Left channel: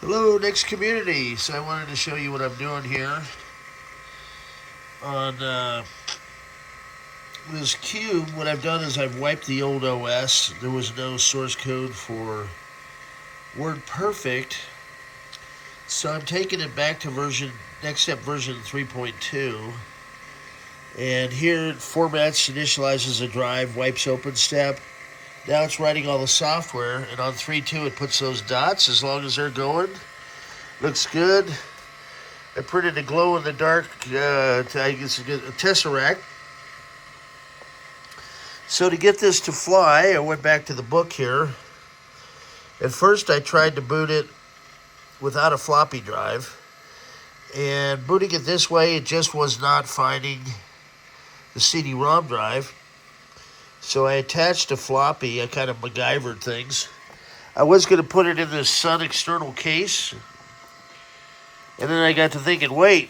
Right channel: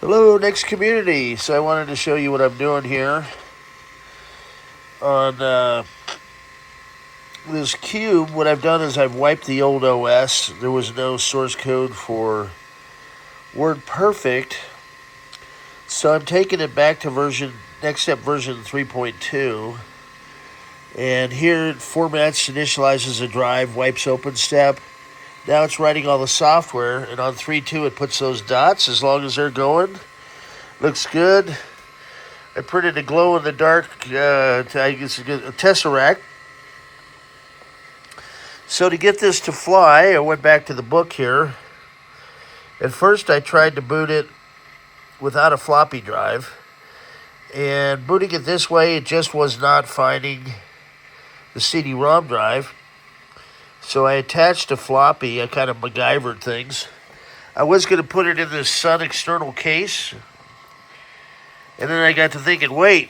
Hello, NeXT community. So I wanted to show you what I'm doing here on this cube. What I've done is I've wiped the old OS. There was no source code for WordPerfect, so I'm taking it back to NeXTstep version 3.2. And here it formats, initializes a drive, wipes OpenStep. Now it's writing all the software, and on 3.2 it puts those dots as long as they're going. Looks good. I printed a glow-in-the-dark, I guess a tesseract. So to get this to fly, I went back to the book here. At first, I tried to boot it without a floppy drive. And booting it this way, it just was not finding the CD-ROM drive. So I attached a floppy. I kind of MacGyvered things. I was going to put it in this Sun external case. And then I got to thinking, wait.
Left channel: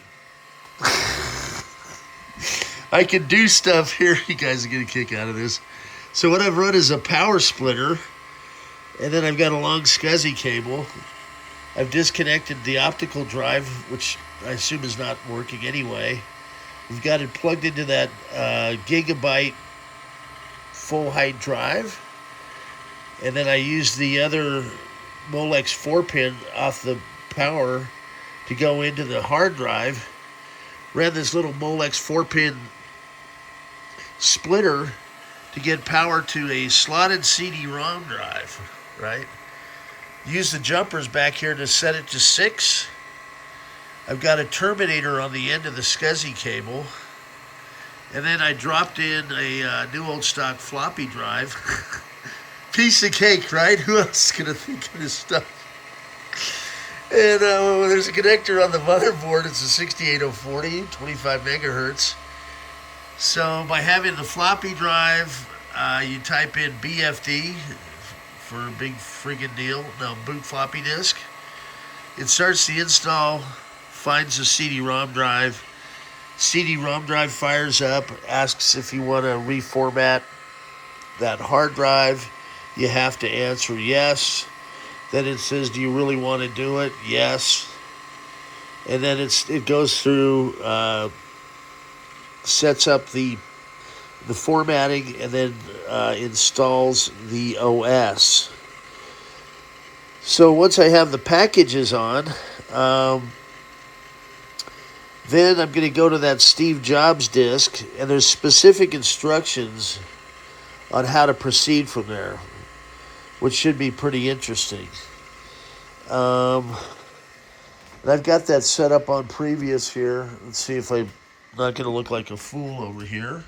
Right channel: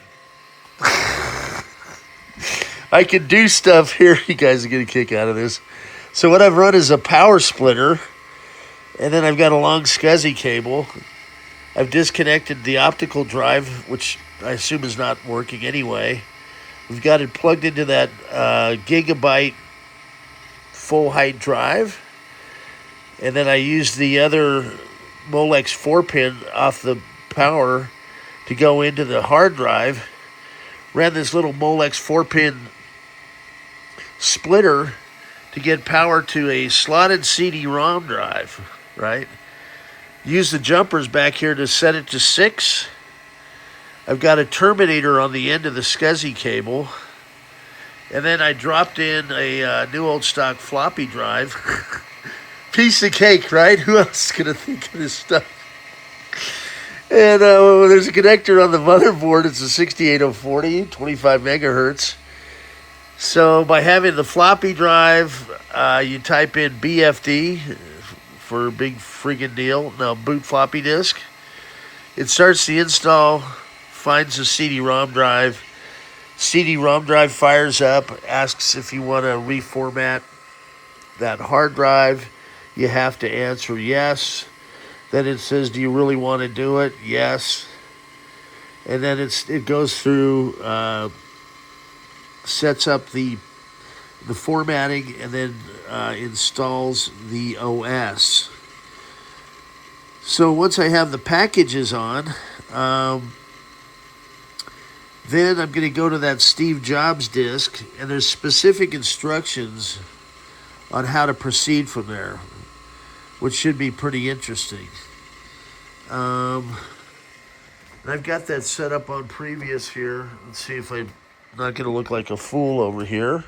I can do stuff here. You guys are getting a kick out of this. So what I've run is a power splitter. And then I've got a long SCSI cable. I've disconnected the optical drive, which I assume is not working anyway. We've got it plugged into that gigabyte full height drive. And then I used the other Molex 4-pin off the power to go into the hard drive. Ran this little Molex 4-pin splitter to get power to a slotted CD-ROM drive, right? Use the jumpers back here to set it to 6. I've got a terminator on the end of the SCSI cable. And then I dropped in a new old stock floppy drive. Piece of cake, right? Who else is going to think of this stuff? And there's a connector on the motherboard. It's a 68040, 25 megahertz. So by having the floppy drive, you type in BFD for a big freaking deal. Now boot floppy disk. It starts the install, finds the CD-ROM drive. CD-ROM drive fires up, asks if you want to reformat that hard drive. You have to answer yes. Then it says, do you really want to do it? Yes. And then it goes through, sets up the formatting, and then installs the OS. So once I have the packages on, then I'm going to go to that Steve Jobs disk, and there's specific instructions on how to proceed from there, which should be pretty interesting. I've got that set up on previous here. Let's see if I'm not going to look like a fool over here.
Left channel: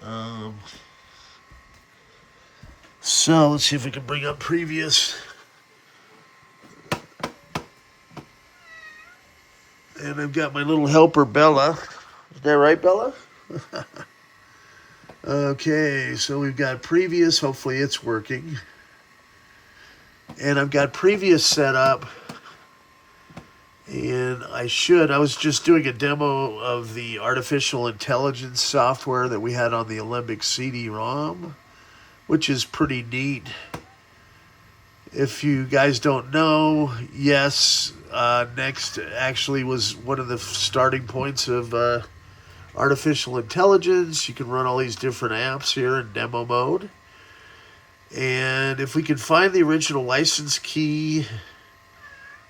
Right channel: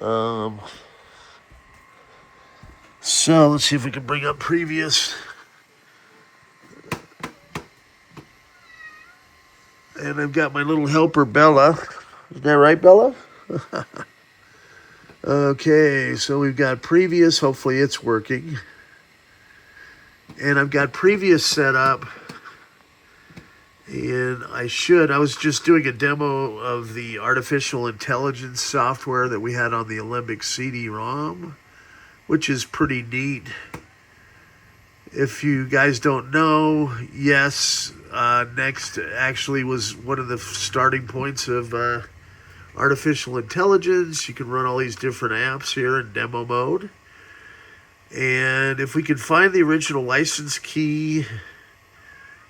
So let's see if we can bring up previous. And I've got my little helper, Bella. Is that right, Bella? Okay, so we've got previous. Hopefully it's working. And I've got previous set up. And I was just doing a demo of the artificial intelligence software that we had on the Alembic CD-ROM, which is pretty neat. If you guys don't know, yes, NeXT actually was one of the starting points of artificial intelligence. You can run all these different apps here in demo mode. And if we can find the original license key,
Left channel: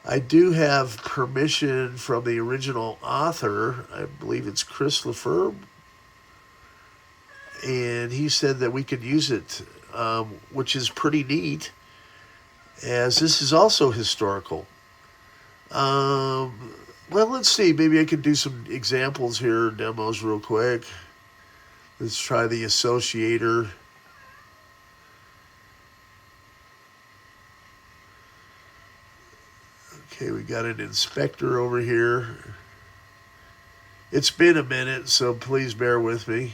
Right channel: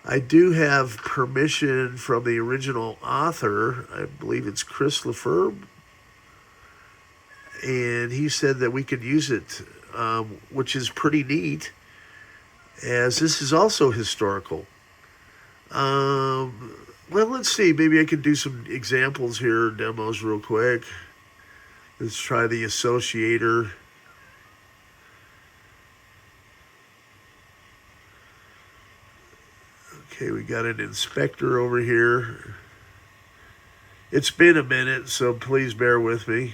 I do have permission from the original author. I believe it's Chris Lefebvre. And he said that we could use it, which is pretty neat, as this is also historical. Well, let's see. Maybe I could do some examples here, demos real quick. Let's try the associator. Okay, we got an inspector over here. It's been a minute, so please bear with me.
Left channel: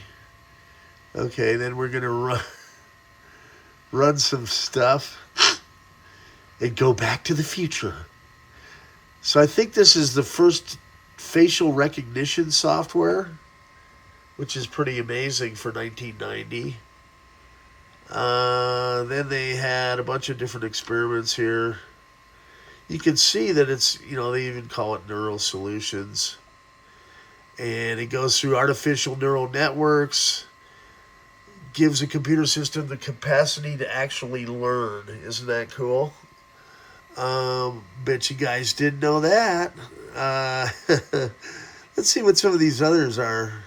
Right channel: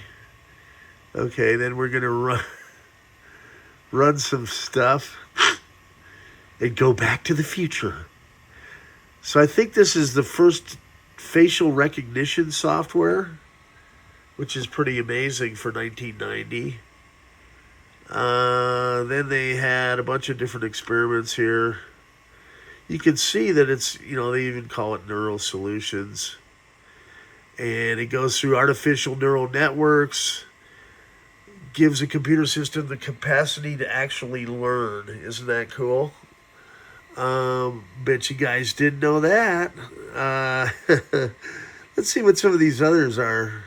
Okay, then we're going to run some stuff and go back to the future. So I think this is the first facial recognition software, which is pretty amazing for 1990. Then they had a bunch of different experiments here. you can see that it's, they even call it neural solutions. And it goes through artificial neural networks, gives a computer system the capacity to actually learn. Isn't that cool? Bet you guys didn't know that. Let's see what some of these others are.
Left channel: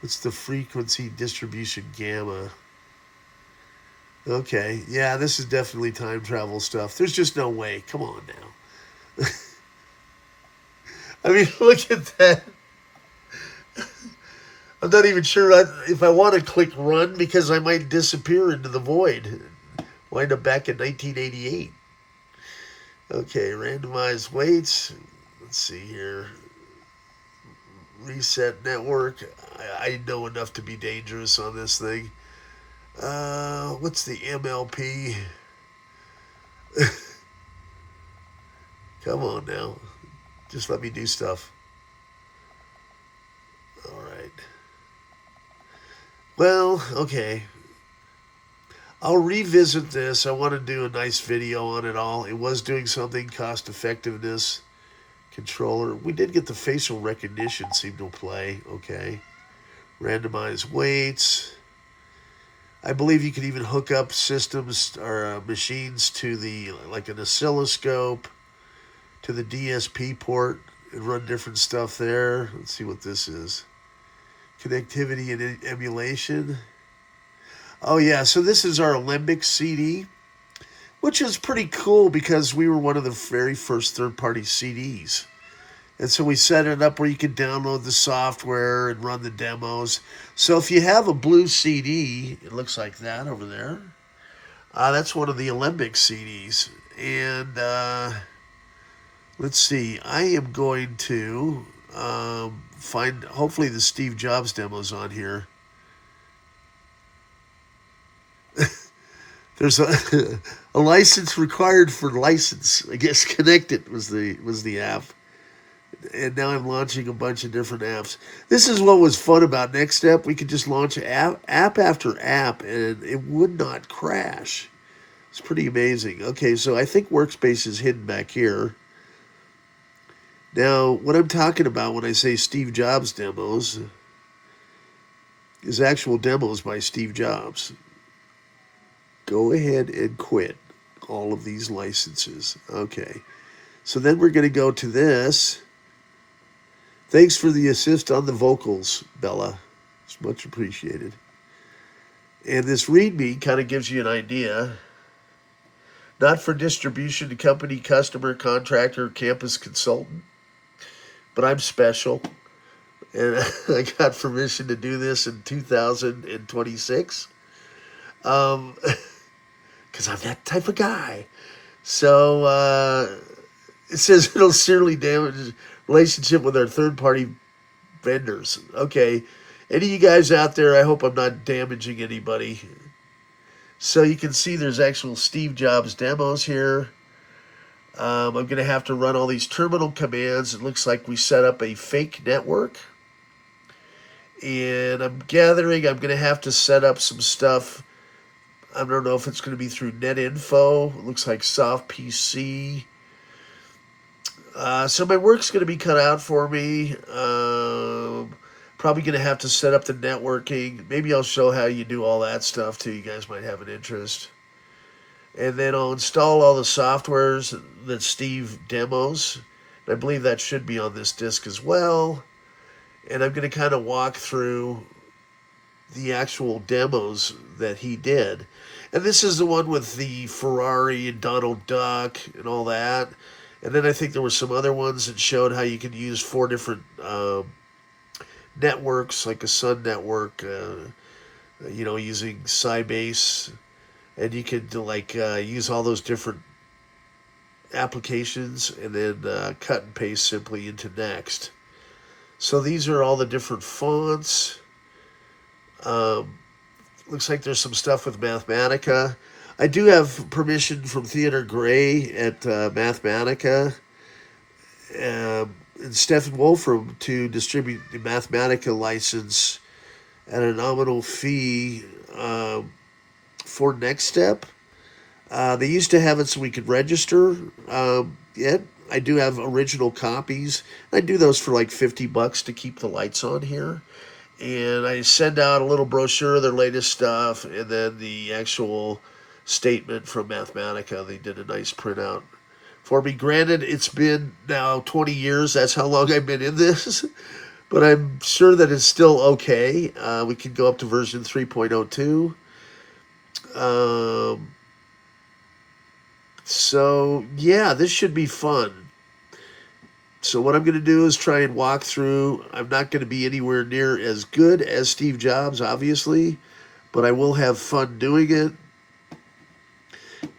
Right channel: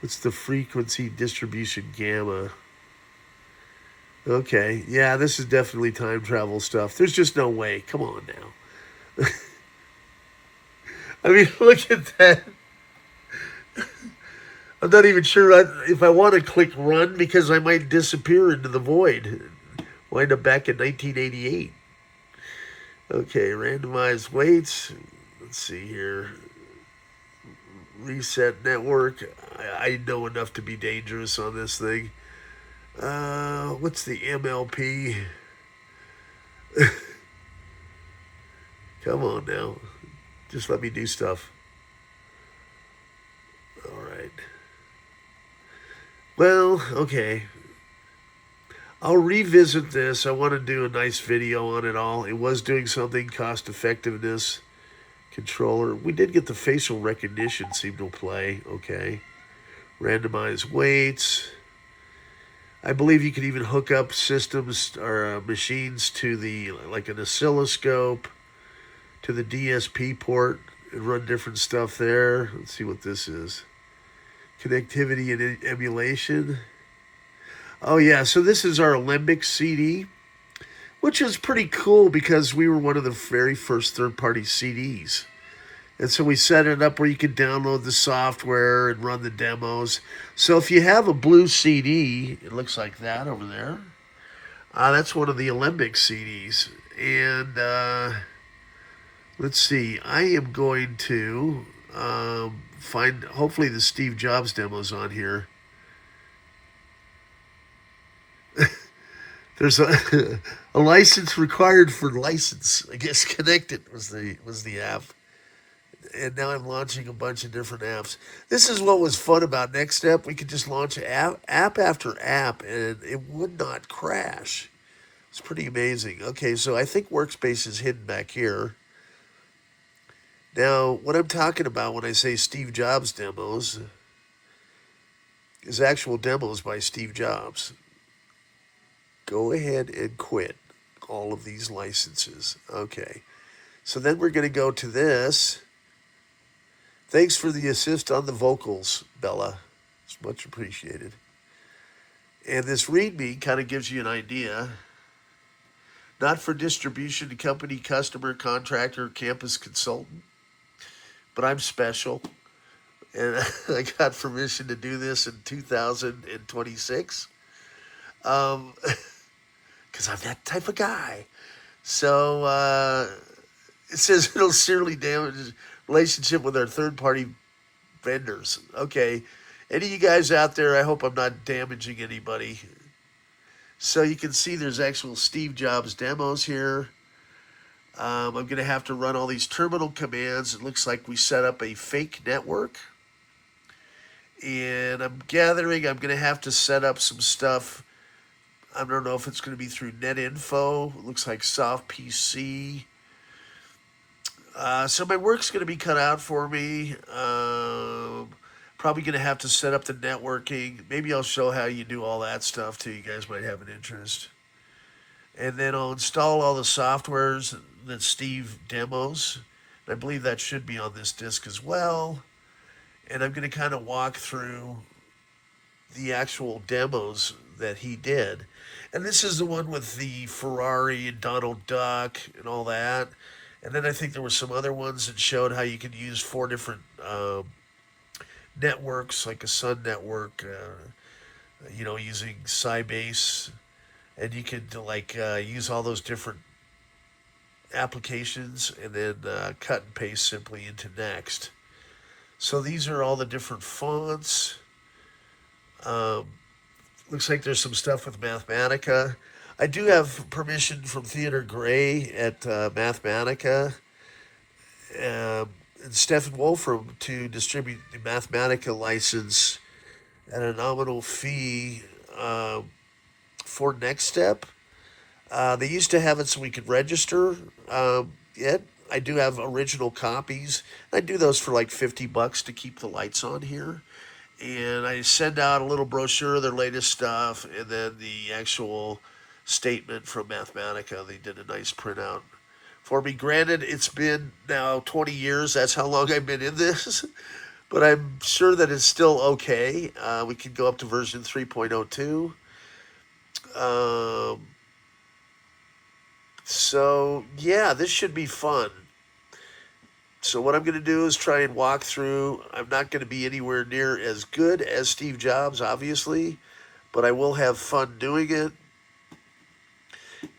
What's the frequency distribution gamma? Okay, yeah, this is definitely time travel stuff. There's just no way. Come on now. I mean, look at that. I'm not even sure if I want to click run because I might disappear into the void. Wind up back in 1988. Okay, randomized weights. Let's see here. Reset network. I know enough to be dangerous on this thing. What's the MLP? Come on now. Just let me do stuff. All right. Well, okay. I'll revisit this. I want to do a nice video on it all. It was doing something, cost effectiveness, controller. We did get the facial recognition seem to play. Okay. Randomized weights. I believe you can even hook up systems or machines to like an oscilloscope, to the DSP port and run different stuff there. Let's see what this is. Connectivity and emulation. Oh yeah, so this is our NeXT CD, which is pretty cool because we were one of the very first third-party CDs. And so we set it up where you can download the software and run the demos. So if you have a blue CD, it looks like that over there. That's one of the NeXT CDs. And let's see, I am going to find, hopefully the Steve Jobs demo's on here. There's a license required for license. I guess Connected was the app. And now I'm launching a bunch of different apps. This is what was fun about NeXTstep. We could just launch app after app, and it would not crash. It's pretty amazing. Okay, so I think Workspace is hidden back here. Now, what I'm talking about when I say Steve Jobs demos is actual demos by Steve Jobs. Go ahead and quit all of these licenses. Okay, so then we're going to go to this. Thanks for the assist on the vocals, Bella. It's much appreciated. And this README kind of gives you an idea. Not for distribution to company, customer, contractor, campus consultant. But I'm special. And I got permission to do this in 2026. Because I'm that type of guy. So it says it'll seriously damage relationship with our third-party vendors. Okay, any of you guys out there, I hope I'm not damaging anybody. So you can see there's actual Steve Jobs demos here. I'm going to have to run all these terminal commands. It looks like we set up a fake network. And I'm gathering I'm going to have to set up some stuff. I don't know if it's going to be through NetInfo. It looks like soft PC. So my work's going to be cut out for me. Probably going to have to set up the networking. Maybe I'll show how you do all that stuff too. You guys might have an interest. And then I'll install all the softwares that Steve demos. I believe that should be on this disc as well. And I'm going to kind of walk through the actual demos that he did. And this is the one with the Ferrari and Donald Duck and all that. And then I think there were some other ones that showed how you can use 4 different networks, like a Sun network, using Sybase. And you could use all those different applications and then cut and paste simply into NeXT. So these are all the different fonts. Looks like there's some stuff with Mathematica. I do have permission from Theodore Gray at Mathematica and Stefan Wolfram to distribute the Mathematica license at a nominal fee for NeXTstep. They used to have it so we could register it. I do have original copies. I do those for like $50 to keep the lights on here. And I send out a little brochure of their latest stuff, and then the actual statement from Mathematica. They did a nice printout for me. Granted, it's been now 20 years. That's how long I've been in this. But I'm sure that it's still okay. We can go up to version 3.02. So, yeah, this should be fun. So what I'm going to do is try and walk through. I'm not going to be anywhere near as good as Steve Jobs, obviously, but I will have fun doing it.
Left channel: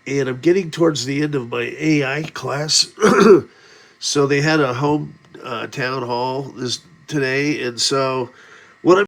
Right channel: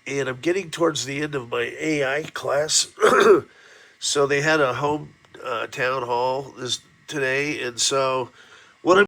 And I'm getting towards the end of my AI class. So they had a home town hall today, and so what I'm